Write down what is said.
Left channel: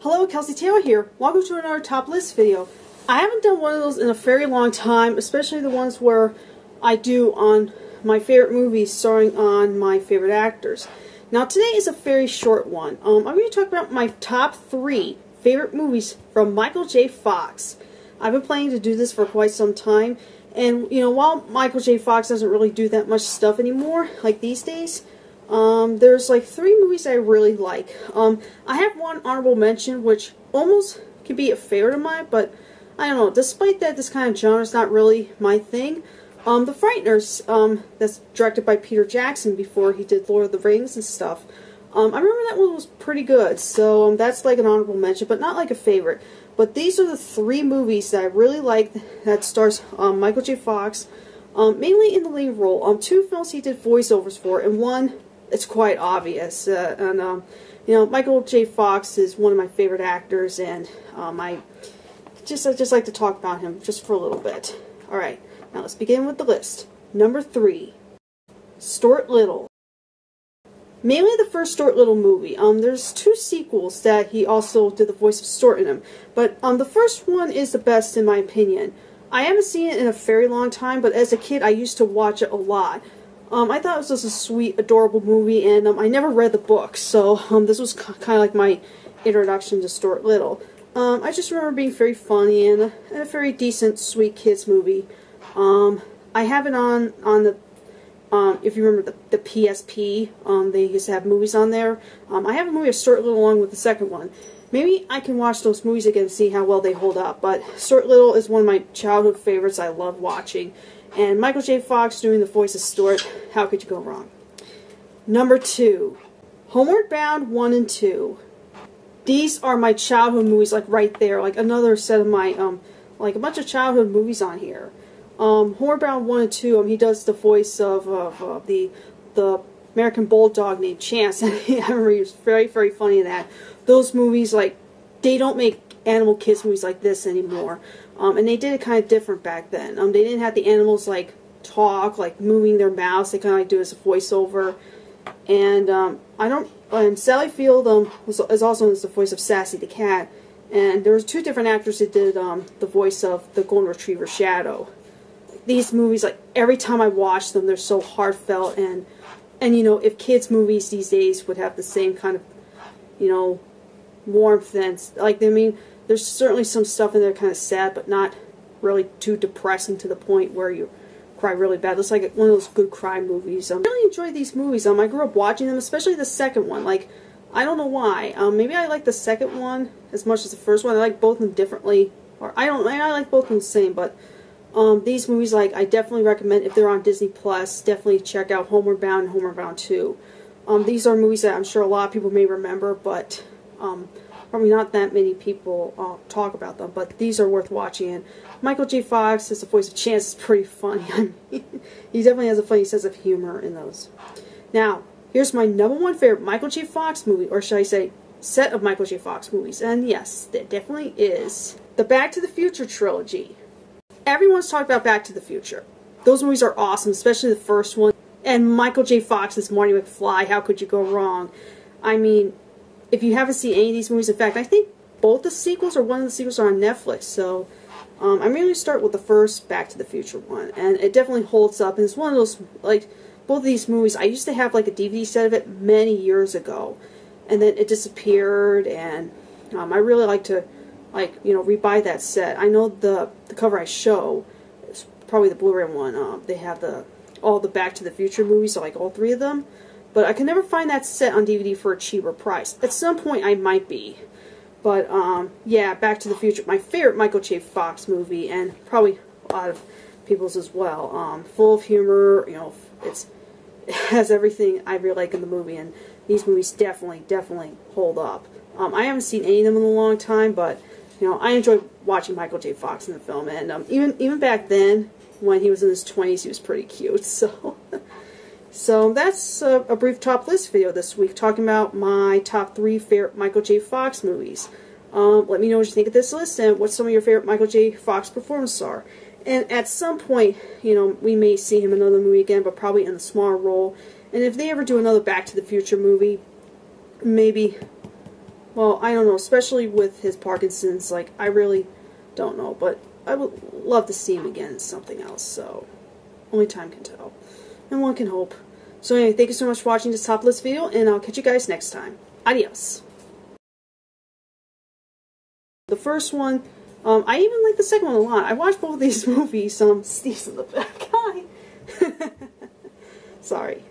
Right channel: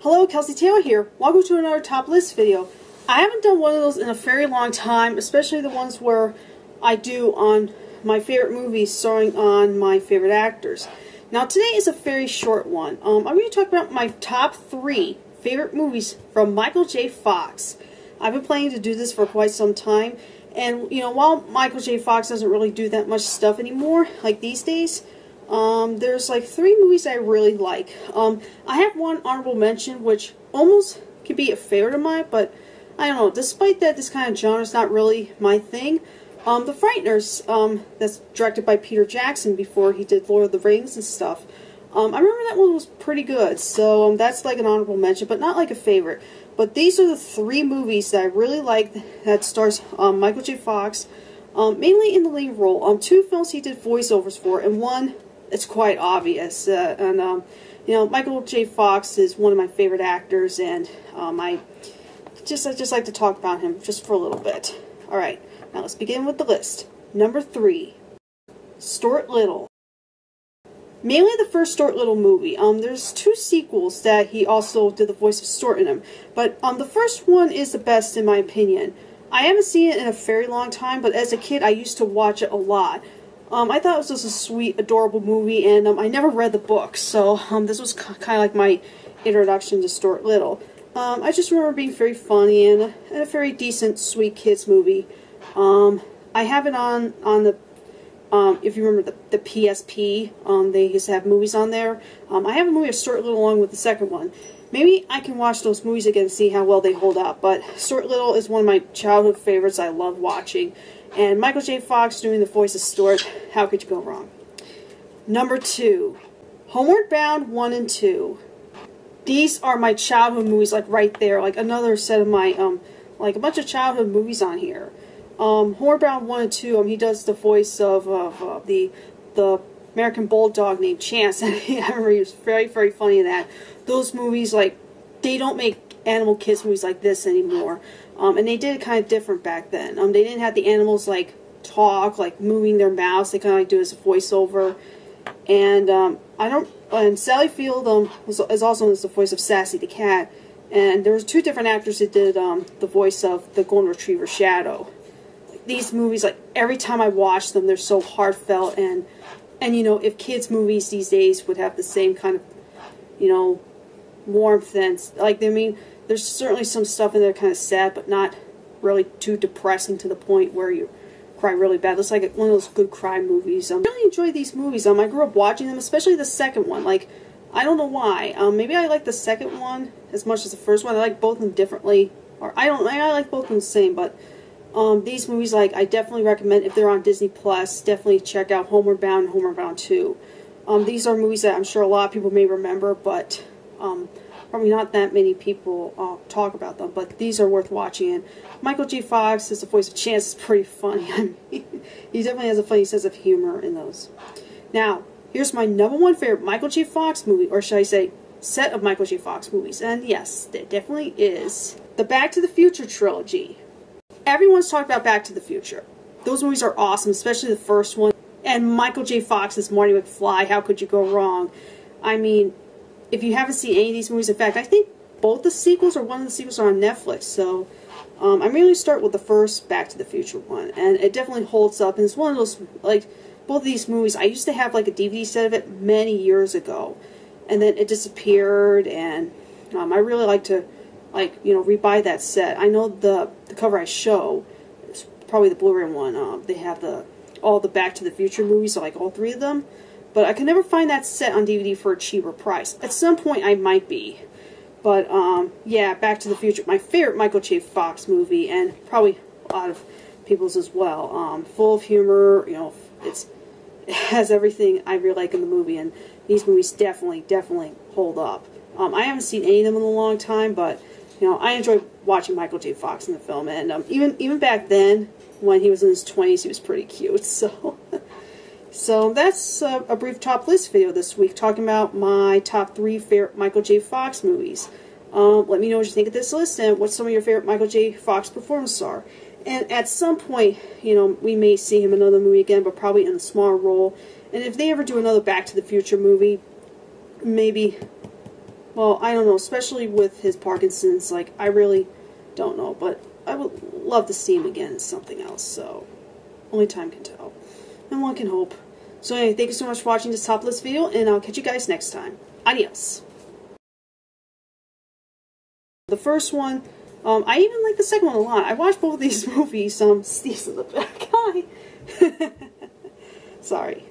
Hello, Kelsey Taylor here. Welcome to another top list video. I haven't done one of those in a very long time, especially the ones where I do on my favorite movies starring on my favorite actors. Now today is a very short one. I'm going to talk about my top 3 favorite movies from Michael J. Fox. I've been planning to do this for quite some time, and you know, while Michael J. Fox doesn't really do that much stuff anymore, like these days, there's like 3 movies I really like. I have one honorable mention, which almost could be a favorite of mine, but I don't know, despite that this kind of genre is not really my thing. The Frighteners, that's directed by Peter Jackson before he did Lord of the Rings and stuff. I remember that one was pretty good, so that's like an honorable mention, but not like a favorite. But these are the 3 movies that I really like that stars Michael J. Fox, mainly in the lead role. 2 films he did voiceovers for, and one it's quite obvious. You know, Michael J. Fox is one of my favorite actors, and I just like to talk about him just for a little bit. All right, now let's begin with the list. Number 3, Stuart Little. Mainly the first Stuart Little movie. There's 2 sequels that he also did the voice of Stuart in them, but the first one is the best in my opinion. I haven't seen it in a very long time, but as a kid I used to watch it a lot. I thought it was just a sweet, adorable movie, and I never read the book, so this was kind of like my introduction to Stuart Little. I just remember being very funny and a very decent, sweet kids movie. I have it on the, if you remember the PSP, they used to have movies on there. I have a movie of Stuart Little along with the second one. Maybe I can watch those movies again and see how well they hold up, but Stuart Little is one of my childhood favorites I love watching. And Michael J. Fox doing the voice of Stuart, how could you go wrong? Number 2, Homeward Bound 1 and 2. These are my childhood movies, like right there, like another set of my, like a bunch of childhood movies on here. Homeward Bound 1 and 2, he does the voice of the American Bulldog named Chance, and I remember he was very, very funny in that. Those movies, like, they don't make animal kids movies like this anymore. And they did it kind of different back then. They didn't have the animals, like, talk, like, moving their mouths. They kind of, like, do it as a voiceover. And, and Sally Field, is also the voice of Sassy the cat. And there was 2 different actors that did, the voice of the Golden Retriever Shadow. These movies, like, every time I watch them, they're so heartfelt, and you know, if kids' movies these days would have the same kind of, you know, warmth and, like, I mean, there's certainly some stuff in there kind of sad, but not really too depressing to the point where you cry really bad. It's like one of those good cry movies. I really enjoy these movies. I grew up watching them, especially the second one. Like, I don't know why. Maybe I like the second one as much as the first one. I like both of them differently, or I like both of them the same, but these movies, like, I definitely recommend, if they're on Disney Plus, definitely check out Homeward Bound and Homeward Bound 2. These are movies that I'm sure a lot of people may remember, but probably not that many people talk about them, but these are worth watching. And Michael J. Fox is the voice of Chance. It's pretty funny. I mean, he definitely has a funny sense of humor in those. Now, here's my number 1 favorite Michael J. Fox movie, or should I say, set of Michael J. Fox movies. And yes, it definitely is the Back to the Future trilogy. Everyone's talked about Back to the Future. Those movies are awesome, especially the first one. And Michael J. Fox as Marty McFly, how could you go wrong? I mean, if you haven't seen any of these movies, in fact, I think both the sequels or one of the sequels are on Netflix, so I'm going to start with the first Back to the Future one, and it definitely holds up, and it's one of those, like, both of these movies, I used to have, like, a DVD set of it many years ago, and then it disappeared, and I really like to, like, you know, rebuy that set. I know the cover I show, it's probably the Blu-ray one, they have all the Back to the Future movies, so like all 3 of them. But I can never find that set on DVD for a cheaper price. At some point I might be. But, yeah, Back to the Future, my favorite Michael J. Fox movie, and probably a lot of people's as well. Full of humor, you know, it has everything I really like in the movie, and these movies definitely hold up. I haven't seen any of them in a long time, but, you know, I enjoy watching Michael J. Fox in the film, and even back then, when he was in his 20s, he was pretty cute, so... So that's a brief top list video this week, talking about my top 3 favorite Michael J. Fox movies. Let me know what you think of this list and what some of your favorite Michael J. Fox performances are. And at some point, you know, we may see him in another movie again, but probably in a smaller role. And if they ever do another Back to the Future movie, maybe well, I don't know, especially with his Parkinson's, like, I really don't know, but I would love to see him again in something else, so only time can tell. And one can hope. So anyway, thank you so much for watching this top list video, and I'll catch you guys next time. Adios. The first one, I even like the second one a lot. I watched both of these movies, Steve's in the back. Hi. Sorry.